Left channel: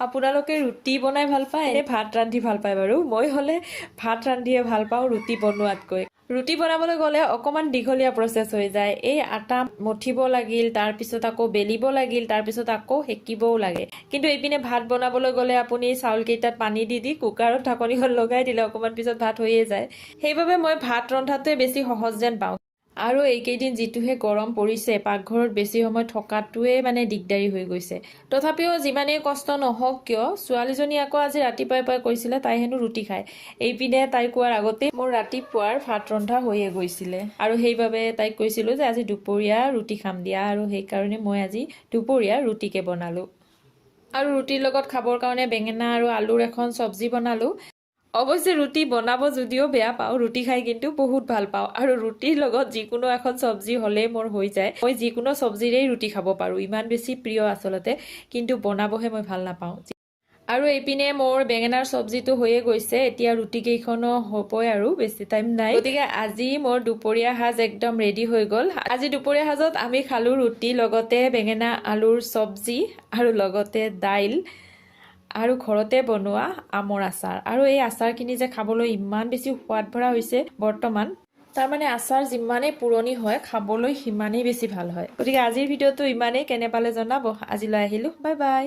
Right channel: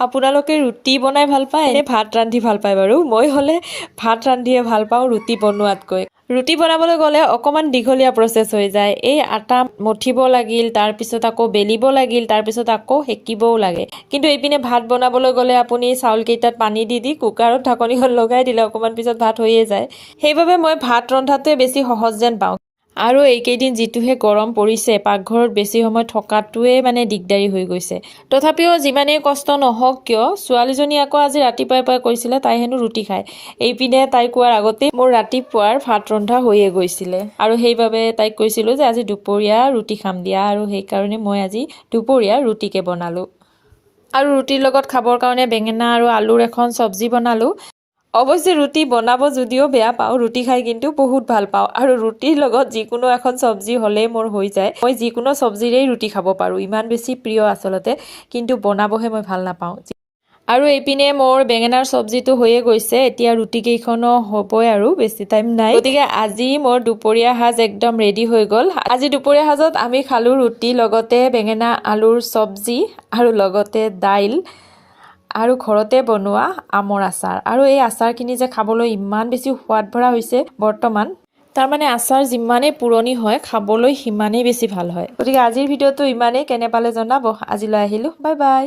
আপোনালোকে ৰুটি বনাই ভাল পায় নে ভাত ৰান্ধি ভাল পায় বাৰু? মই হ'লে ভাত ৰান্ধিয়ে ভাল পাওঁ ৰুটি বনোৱাতকৈ। ৰুটি বনাবলৈ গ'লে অকণমান দীঘলীয়া প্ৰচেছ হৈ যায়। এই আটা মঠিব লাগিল, তাৰপিছত আকৌ বেলিব লাগিল, তাৰপিছত আকৌ সেকিবও লাগে। কিন্তু এইপিনে ভাত বনাবলৈ গ'লে আপুনি চাউলকেইটাত পানী দি কুকাৰত ঢাকনিখন লগাই দিলে অকণমান পিছত ভাত হৈয়ে যায়। সেইবাবে মই ভাত ৰন্ধাটোৱে বেছি সহজ যেন পাওঁ। আৰু এইকেইদিন যিটোহে গৰম পৰিছে, পাকঘৰত বেছি সময় থকাটোৱে মানে দিগদাৰী হৈ গৈছে। তথাপিও যিমানেই কষ্ট নহওক কিয়, ছোৱালীজনী আকৌ আজি ৰাতিপুৱাই কৈছিলে তাই হেনো ৰুটি খায়। এইপিনে তাই কোৱাৰ আগতেই মোৰ ৰাতিপুৱাৰ ভাত ৰন্ধা হৈয়ে গৈছিলে। আৰু সেইবাবে তাইক কৈছিলোঁ যে আজি দুপৰীয়া ৰুটি খাম দিয়া, আৰু সেইকাৰণে মই আজি দুপৰীয়া ৰুটিকে বনালোঁ। আৰু ৰুটিৰ লগত খাবৰ কাৰণে বেঙেনা আৰু আলুৰ এখন চব্জি বনালোঁ। অৱশ্যে ৰুটি বনাব যদিও বেয়া পাওঁ, ৰুটি খাই কিন্তু বহুত ভাল পাওঁ। আৰু ৰুটিৰ লগত যিকোনো এখন চব্জি হ'লেই মোৰ হৈ যায়। মই যিকোনো চব্জিৰেই ৰুটি খাব পাৰোঁ, ইমান বেছি প্ৰিয় আচলতে, কিন্তু বনাবহে মই ভাল নাপাওঁ। আৰু এইপিনে মোৰ বেঙেনাৰ চব্জিটো হৈয়ে গৈছে, এতিয়া ৰুটিকেইখনো হ'বই আৰু বেছি টাইম নাই। গতিকে আজি মোৰ দুপৰীয়া সাজ একদম ৰেডি হৈ গ'ল। আজি দুপৰীয়া সাজত আমি খালোঁ ৰুটি, লগতে বেঙেনা আলুৰ চব্জি আৰু লগতে দাইল আৰু ঘৰতে বনোৱা আমৰ আচাৰ। আৰু এই আচাৰখিনি যে খাবলৈ ইমান বেছি সোৱাদ ভৰা হৈছে বৰ্তমান, তাৰমানে আচাৰ যিমানেই পুৰণি হয় খাবলৈ সিমানেই বেছি ভাল হয়। গতিকে আজিৰ ভিডিঅ'টো ইমানেই, কেনে পালে জনাব। আজিলৈ আহিলোঁ, বাই বাই।